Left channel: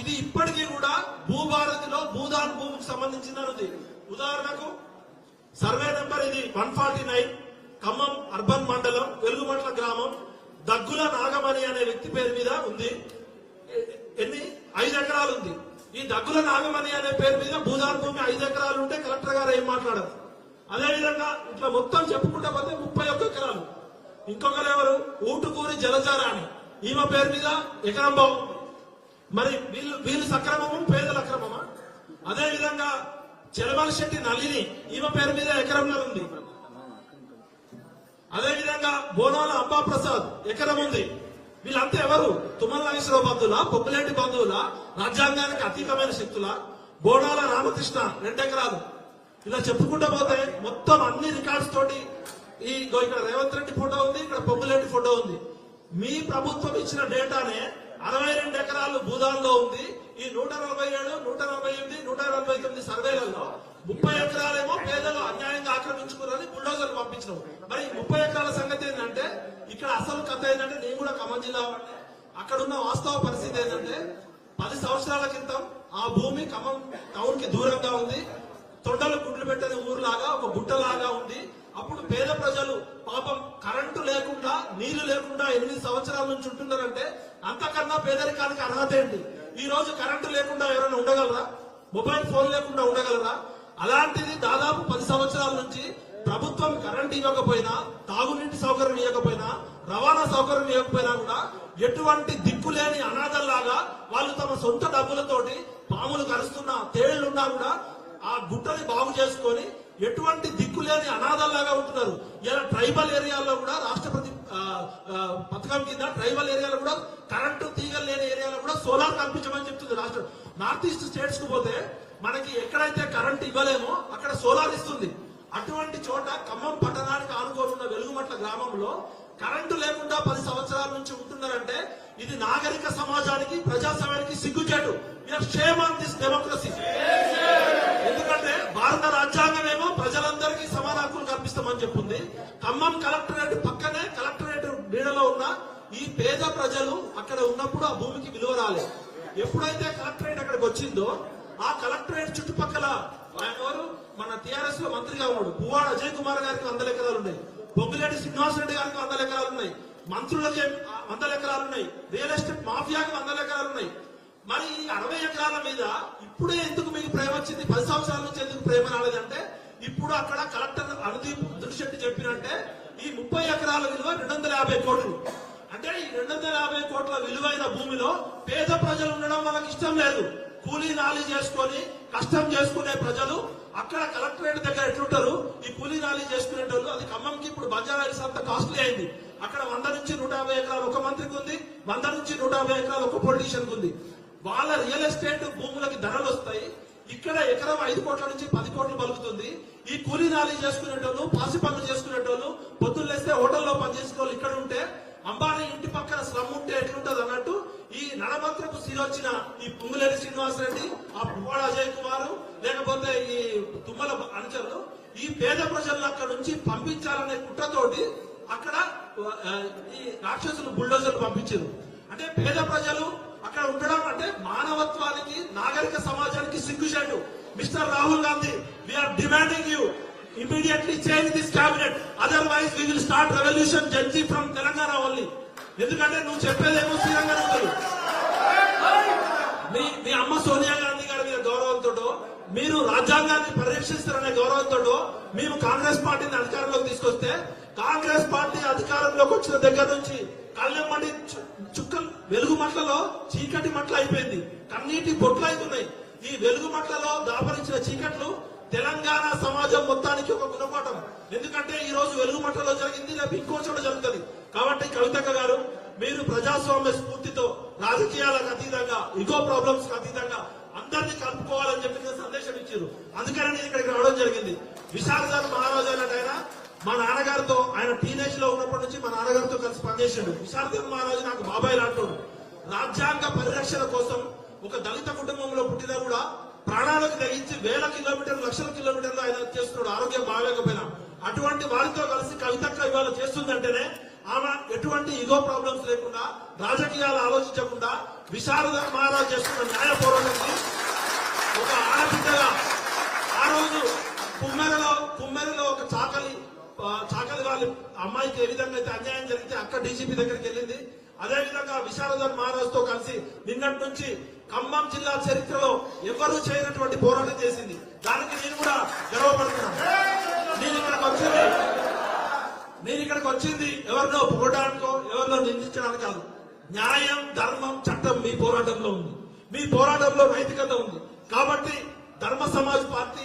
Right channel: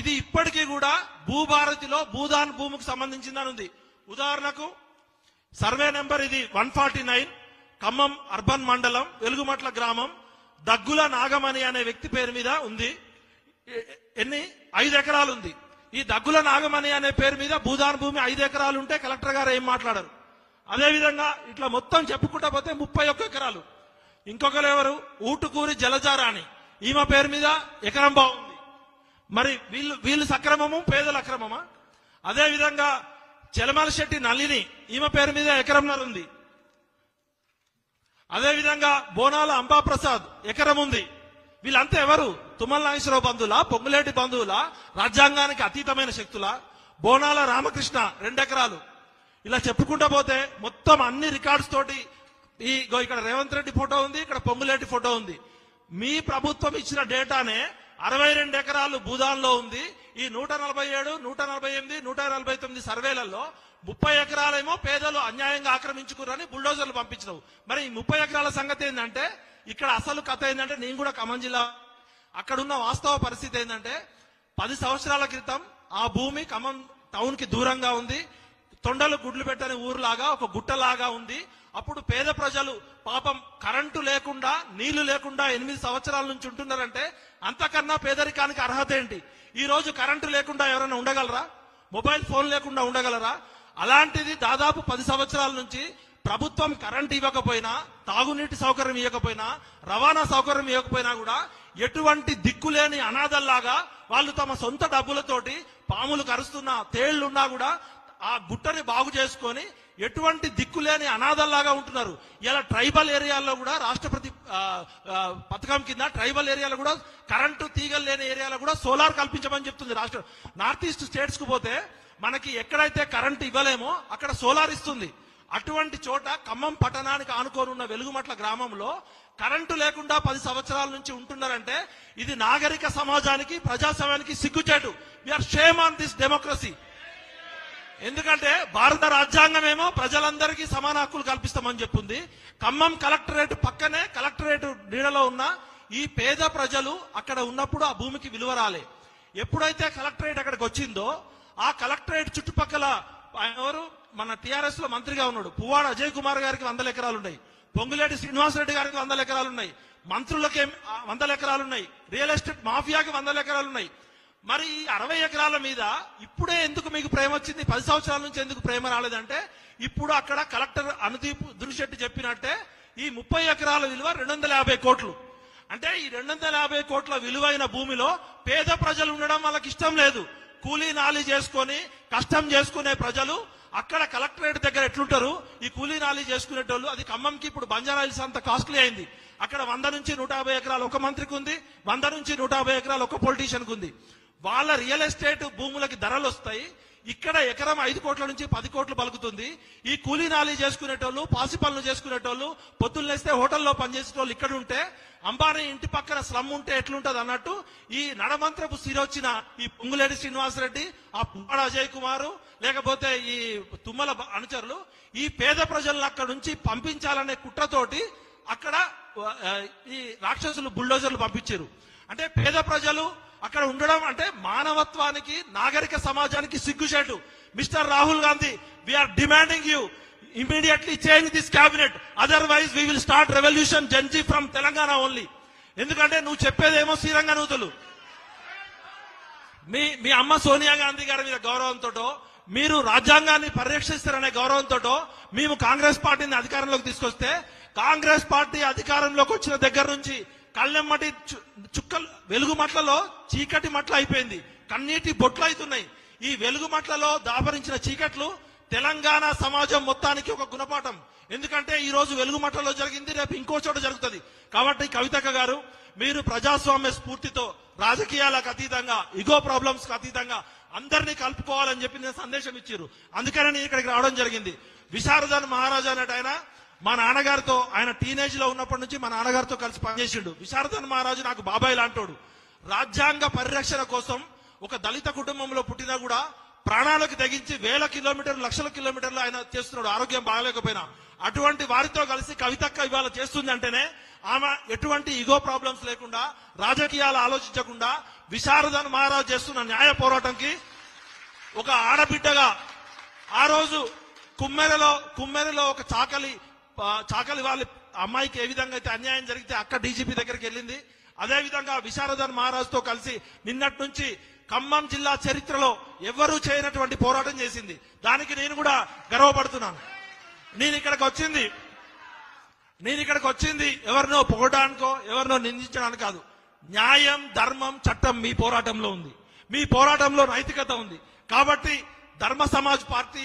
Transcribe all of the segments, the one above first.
ఇది ఇప్పటికీ కూడా భూభారతిలో భూదాన్ భూమికి సంబంధించిందని ఉంది. ఉదాహరణకు సర్వే నెంబర్ ఇది 149, ఖమ్మం అర్బన్ మండలం వెలుగుమట్ల గ్రామం దగ్గుల నాగమణి అనే వ్యక్తి పేరు మీద ఉంది. 5 ఎకరాలు ఉంది. ఈ దగ్గుల నాగమణి అనే పేరు మీద భూదాన్ భూమి 5 ఎకరాలు ఉంటే కలెక్టర్ గారు ఏం మాట్లాడరు. అదేవిధంగా ఇట్లా మొత్తం చెప్పుకుంటా పోతే 31 ఎకరాలు. ఇంకొకరు ఎవరు, ఊటుకూరి జలజారాణి, ఈమె పేరు మీద ఎకరం బాగుంది. మరి వీళ్ళు సక్రమము, పేదల అక్రమమా? అదేవిధంగా చెలమల శెట్టి నళిని, ఈమె పేరు మీద ఎకరంన్నర ఉంది. అదేవిధంగా బోనాల అంబాప్రసాద్ ఎకరం ఉంది. వీళ్ళంతా ఎవరు? తుమ్మల నాగేశ్వరరావు బంధువుల, పొంగులేటి బంధువుల, రాజ్యాంగానికి అతీతమైన శక్తుల? బోనాల రామకృష్ణ 2 ఎకరాలు. ఇలా చెప్పుకుంటూ పోతే మొత్తం అన్ని రికార్డ్స్ తోటి ఇక్కడ రేవంత్ రెడ్డి ఫోటో ఉంది, ఇక్కడ పొంగులేటి ఫోటో ఉంది. మీ ప్రభుత్వం ఇచ్చిన డేటానే 62 ఎకరాలు భూదాన్లో ఉంది. ఈ 147, 148, 149 సర్వేలలో 30 ఎకరాలేమో పేదలు అన్యాయంగా ఆక్రమించుకున్నారని బుల్డోజర్లు పంపించినావు. మరి ఈ 30 ఎకరాల సంగతి ఏంటంటే, ఇక్కడ అసలు కథ ఏంటంటే, నేను కూడా ఖమ్మం జిల్లా, అక్కడ ఉన్న వాస్తవ పరిస్థితి ఏంటంటే 10 సంవత్సరాల క్రితం ఆ భూమి ఖమ్మం టౌన్ కి దూరంగా ఉంది. తొండలు గుడ్లు పెట్టని ఊరులాగా ఒక గుట్టలాగా ఉంది. అప్పుడు పేద ప్రజలు పాపం కరెంటు లేకుండా, నీళ్లు లేకుండా 8 సంవత్సరాల నుంచి ఉంటున్నారంటే అంతకన్నా పేదరికానికి అర్హత ఏంటి? ఈ రోజు కరెంటు లేకుండా ఎవరైనా ఉండగలరా? మొబైల్ ఫోన్ లేకుండా ఉండగలరా? అలాంటిది దాదాపు 10 సంవత్సరాల నుంచి ప్రభుత్వం కరెంట్ ఇవ్వకపోయినా, తాగునీటి సౌకర్యం ఇవ్వకపోయినా, రవాణా సౌకర్యం ఇవ్వకపోయినా కూడా ఎటువంటి దిక్కులేని అనాథల్లాగా వాళ్ళు తమ సొంత డబ్బులతోటి పాములు కరుస్తున్నా, తేళ్లున్నా కూడా ఆ గుట్టని బాగు చేసుకొని ఎటువంటి దిక్కులేని అనాథల్లాగా ఉంటున్నారు. ఇలా ట్రైబల్ ఏరియాల్లో కూడా రాష్ట్రపతి పథకం కింద ట్రైబల్ ఏరియాలో కూడా కరెంటు తీగలు లేని ఏరియాలో కూడా సోలార్ కల్పించమని చెప్తుంది రాష్ట్రం. నార్త్ ఈస్ట్ స్టేట్స్ కు పోతే మనకి ఎక్కడైతే కరెంట్ ఇవ్వలేమో అక్కడ సోలార్ ఇస్తుంది. అటువంటి చోట ఖమ్మం పట్టణానికి ఆనుకొని ఉన్న వెలుగుమట్ల గ్రామంలో కరెంటు లేకుండా 10 సంవత్సరాల నుంచి ఉంటున్నారంటే ఇది నాగరిక సమాజానికి, ప్రజాస్వామ్యానికి సిగ్గుచేటు. We are shame on this democracy. ఎందుకంటే భారత రాజ్యాంగమేమో ప్రజలందరికీ సమాన హక్కులు కల్పిస్తామని చెప్తుంది. ఖమ్మం కలెక్టరేట్ పక్కనే, కలెక్టరేట్ నీడలో ఉన్న ఈ పేద ప్రజలు అక్కడ ఉన్నప్పుడు ఆ భూమికి విలువ రాలే. ఎప్పుడైతే కలెక్టరేట్ అక్కడికి వచ్చిందో ఆ కలెక్టరేట్ చుట్టుపక్కల ఎవరు, మన టిఆర్ఎస్ లో మంత్రిగా ఉన్నాడు పువ్వాడ అజయ్ కుమార్ గారికి 100 ఎకరాలు ఉన్నాయి, పొంగులేటి శ్రీనివాసరెడ్డి గారికి 100 ఎకరాలు ఉన్నాయి, మంత్రులకి 100 ఎకరాలు ఉన్నాయి, రియల్ ఎస్టేట్ మాఫియాకి 100 ఎకరాలు ఉన్నాయి. మరి ఈ 60 ఎకరాల మీద ఇప్పుడే ఎందుకు మీకు ప్రేమ వచ్చింది? 10 సంవత్సరాల నుంచి ఎందుకు ప్రేమ రాలేదంటే, ఇప్పుడు అక్కడ కలెక్టర్ అనుదీప్ దురిశెట్టి చెప్పినట్టే ఈ 30 ఎకరాల విలువ 250 కోట్లు. అంటే ఈ 250 కోట్ల విలువైన భూమిలో పేద ప్రజలు ఉండడం వాళ్ళకి ఇష్టం లేదు. కూలీ నాలి చేసుకొని కష్టం చేసుకునే ప్రజలు అక్కడ కలెక్టరేట్ దగ్గర ఎట్లుంటారు? ఈ కూలీ నాలి చేసుకునేటోళ్ళు. అది ఖమ్మంకి ఇప్పుడు బంజారా హిల్స్ అంత కాస్ట్లీ అయింది. అక్కడ 100 నుంచి 150 ఎకరాలు ఒక మంత్రికి ఉంది, 100 నుంచి 150 ఎకరాలు ఒక పొలిటీషియన్ కి ఉంది. వాళ్ళ రియల్ ఎస్టేట్ భూములకి ధరలు వస్తాయి. ఇక్కడ ఎకరం 5 కోట్ల నుంచి 10 కోట్లు పలుకుతుంది. ఈ కూలీ నాలి చేసుకునేటోళ్ళు, పాసి పనులు చేసుకునేటోళ్ళు, పొద్దున్న లేస్తే హోటల్లో పనిచేసేటోళ్ళు ఇక్కడ ఉంటే, అంబానీ ఇంటి పక్కన స్లమ్ ఉంటే ఎట్లుంటది అన్నట్టు ఈ నడమంత్రపు సిరొచ్చిన ఈ పొంగులేటి శ్రీనివాసరెడ్డి, ఆ పువ్వాడ అజయ్ కుమార్, లేకపోతే ఈ తుమ్మల అనుచరులు ఈ పేద ప్రజలను అక్కడ నుంచి పంపించాలనే కుట్రతోటి అక్కడ ఈ రాక్షసులు బుల్డోజర్లు పంపించారు. అంటే పేద ప్రజలు అక్కడ ఉండడం అంటే మానవత్వానికి, నాగరిక సమాజానికి సిగ్గుచేటు. Mister Rahul Gandhi, we are demanding you immediately change this cabinet, otherwise we will start revolution Janji from Telangana only. ఎందుకంటే నువ్వు చెప్పేదేమో శ్రీరంగ నూతులు. మీ అమ్మ సోనియా గాంధీ గారి మీద గౌరవంతో, మీరు రాజ్యాంగాన్ని పరిరక్షిస్తారనే గౌరవంతో మేము కాంగ్రెస్ పార్టీని అధికారంలోకి తీసుకొస్తే, కాంగ్రెస్ పార్టీ అధికారంలోకి వచ్చిన దగ్గర నుంచి కళ్ళెమ్మటి చుక్కలు వెలుగుమట్లలో చీకటి మట్ల అయిపోయింది, కన్నీటి బొట్లు అవుతున్నాయి. ఈ వెలుగుమట్లలో దాపరించిన చీకట్లు తెలంగాణ సమాజం మొత్తానికి ఒక గుణపాఠం. ఎందుకంటే ఈ రోజు వెలుగుమట్లలో జరిగింది, రేపు ఇంకో చోట జరుగుతుంది. కాబట్టి కవితక్క గారు, మీరు ప్రజాస్వామ్య స్ఫూర్తితో, రాజకీయాలకు అతీతంగా, ఇగో ప్రాబ్లమ్స్ కి అతీతంగా అందరినీ కలుపుకోవాలని చెప్పి నేను సందేశం ఇచ్చారు. అందుకని నేను ఇక్కడికి రావడం జరిగింది. విశారద మహారాజా అన్నట్టు ఆయన మా నాన్నగారితో, ఆయన టీనేజ్ లో ఉన్నప్పటి నుంచి మా నాన్నగారితో కలిసి పనిచేసిండు. విశారద మహారాజు నాకు బాబాయ్ లాంటోడు. రాజ్యాంగ పరిరక్షణ కోసం ఒక దళిత కుటుంబంలో పుట్టినా కూడా ప్రాణాలకు తెగించి వేల కిలోమీటర్లు, లక్షల కిలోమీటర్లు ఆయన చేస్తున్నాడు, ఆరోగ్యం బాగాలేకపోయినా. అటువంటి వారితో కలిసి కవితక్క ఇవాళ చేస్తుంది అంటేనే ఆమె ఎటువంటి ఈగో ప్రాబ్లమ్స్ లేకుండా, రాజకీయాలు ఆలోచించకుండా విశారద మహారాజ్ చేస్తున్న న్యాయ పోరాటానికి ఒక ఆడబిడ్డగా ఆ రోజు కుమ్మెరలో ఒక చాకలి వాళ్ళ అమ్మాయికి ఏ విధంగా అయితే అన్యాయం జరిగితే అక్క డీజీపీ దగ్గరికి వెళ్ళింది. అదే విధంగా విశారదన్ మహారాజ్ తో కలిసి నిన్నటి నుంచి ఖమ్మం జిల్లా చరిత్రలో ఎవరూ చేయనటువంటి పోరాటం చేసింది. దానికి నేను కూడా గర్వపడుతున్నాను. నేను ఇక్కడికి వచ్చింది ఎవరినో పొగడానికో ఎవరినో నిందించడానికి కాదు. న్యాయం, ధర్మం, చట్టం మీ పోరాటంలో ఉంది. మీ పోరాటంలో నైతికత ఉంది. కాబట్టి Dharma Samaj party,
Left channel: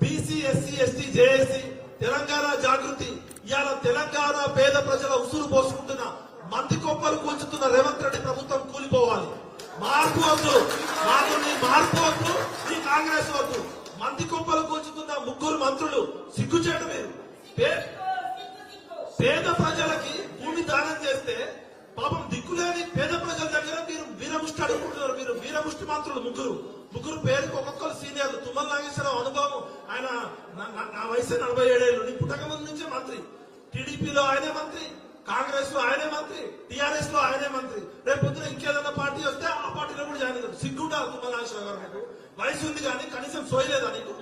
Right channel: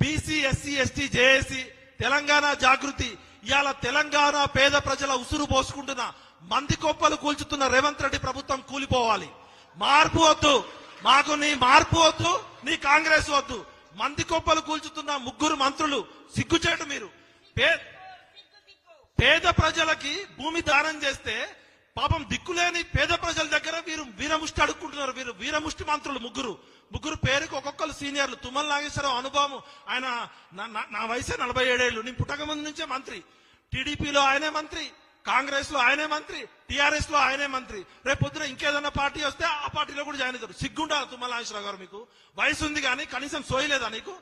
BC, SC, ST, JAC, Telangana Jagruthi ఇవాళ తెలంగాణ పేద ప్రజల ఉసురు పోసుకుంటున్న మంది కొప్పలు కూల్చుతున్న రేవంత్ రెడ్డి ప్రభుత్వం కూలిపోవాలి. మార్పు వద్దు, మాకు నీ మార్పు వద్దు, నీ కాంగ్రెస్ వద్దు. మంది కొప్పలు కూల్చుతున్న ముగ్గురు మంత్రులు సిగ్గుచేటు. మీరు పేద ప్రజలకి భూమి దానం చేస్తే పాపం దిక్కులేని పేద ప్రజల దగ్గర మీరు వీరముష్టి అడుగుకుంటున్నారు. మీరు వీరముష్టి మంత్రులు ముగ్గురు పేరుకి ఒక్కొక్కరు సీనియర్లు. తుమ్మల నాగేశ్వరరావు అనుభవం, ఆయన నా వయసు 47 ఏళ్ళు. నీ పుట్టక ముందు నుంచే మంత్రి. టీడీపీలో ఆయనే మంత్రి, కాంగ్రెస్ లో ఆయనే మంత్రి, టీఆర్ఎస్ లో ఆయనే మంత్రి. రేపు పొద్దున ఇంకేదన్నా పార్టీ వస్తే ఆ పార్టీలో కూడా జాయిన్ అవుతారు. సిగ్గుండాలి తుమ్మల నాగేశ్వరరావు గారు. మీకు వయసు ఉంది కానీ కనీసం సోయలేదా నీకు?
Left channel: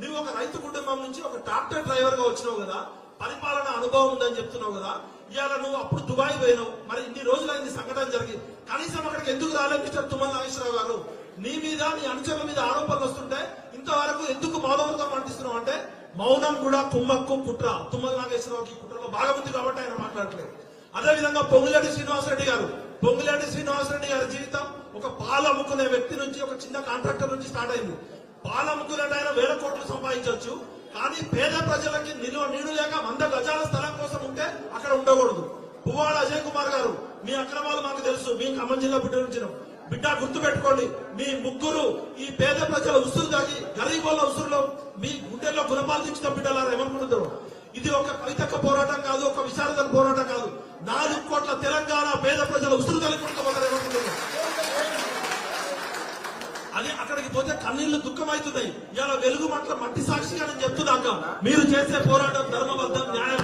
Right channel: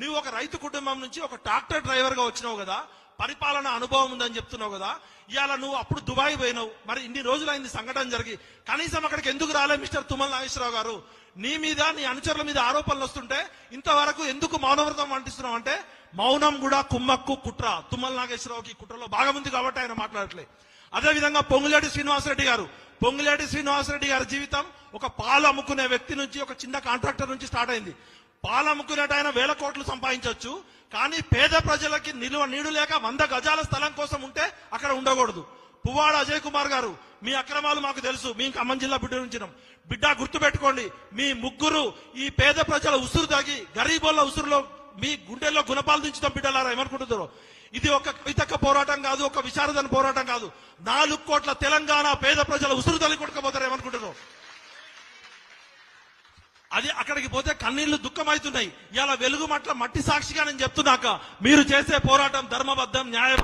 నువ్వు ఒక రైతు కుటుంబం నుంచి ఒక ట్రాక్టర్ డ్రైవర్ గా వచ్చినావు కదా, పరిపాలన అనుభవం ఉందని చెప్తున్నావు కదా. ఇవాళ నువ్వు అప్పుడు దుబాయ్ పోయినావు. మరి ఇన్ని రోజులైంది సంఘటన జరిగి, కనీసం అక్కడికి ఎందుకు రాలేదు మిస్టర్ తుమ్మల నాగేశ్వరరావు గారు? నీ మీద, నీ అనుచరుల మీద ఆరోపణలు వస్తుంటే ఇంతవరకు ఎందుకు మౌనవ్రతం అంటిస్తున్నావు అంటే, మౌనం కూడా కుమ్మక్కు కుట్ర. తుమ్మల నాగేశ్వరరావుకి కుట్రలో భాగం ఉంది కాబట్టి ఆయన మాట్లాడట్లేదు. అదేవిధంగా పొంగులేటి శ్రీనివాసరెడ్డి గారి జీవితం ఒక పాలు అమ్ముకునే వ్యక్తి నుంచి, ఒక చిన్న కాంట్రాక్టర్ నుంచి స్టార్ట్ అయింది. పాలు అమ్ముకునేట ఆయన 1000 కోట్లు సంపాదించవచ్చు, కానీ పేద ప్రజలకి నీడు లేక 100 గజాల స్థలం కోసం ఉంటే అక్కడ ఉండకూడదు. పువ్వాడ అజయ్ కుమార్ గారు, మీ అక్రమాలు మాకు తెలుసు. మీ ఖమ్మం జిల్లా బిడ్డ గుర్తు పెట్టుకోండి. మీ ముగ్గురు ఈ పేద ప్రజల ఉసురు తాగి, గరీబోళ్ళ ఉసురులో మీ గుండెల్లో గుణపాలు తెచ్చిన బిడ్డలారా ఏమనుకుంటున్నారు? ఇది ఒక కవితక్క పోరాటం కాదు, ఒక విశారదన పోరాటం కాదు. 4 కోట్ల తెలంగాణ పేద ప్రజల ఉసురు తల్లికుంటుపోతారు ఏమనుకుంటున్నారు? అది అక్కడికి పోతే కన్నీళ్లు దుఃఖమవుతున్నాయి. ఇలా వెలుగు మట్టి సాక్షిగా నేను చెప్తున్నాక మీరు చేసే పోరాటం ధర్మబద్ధం, న్యాయం.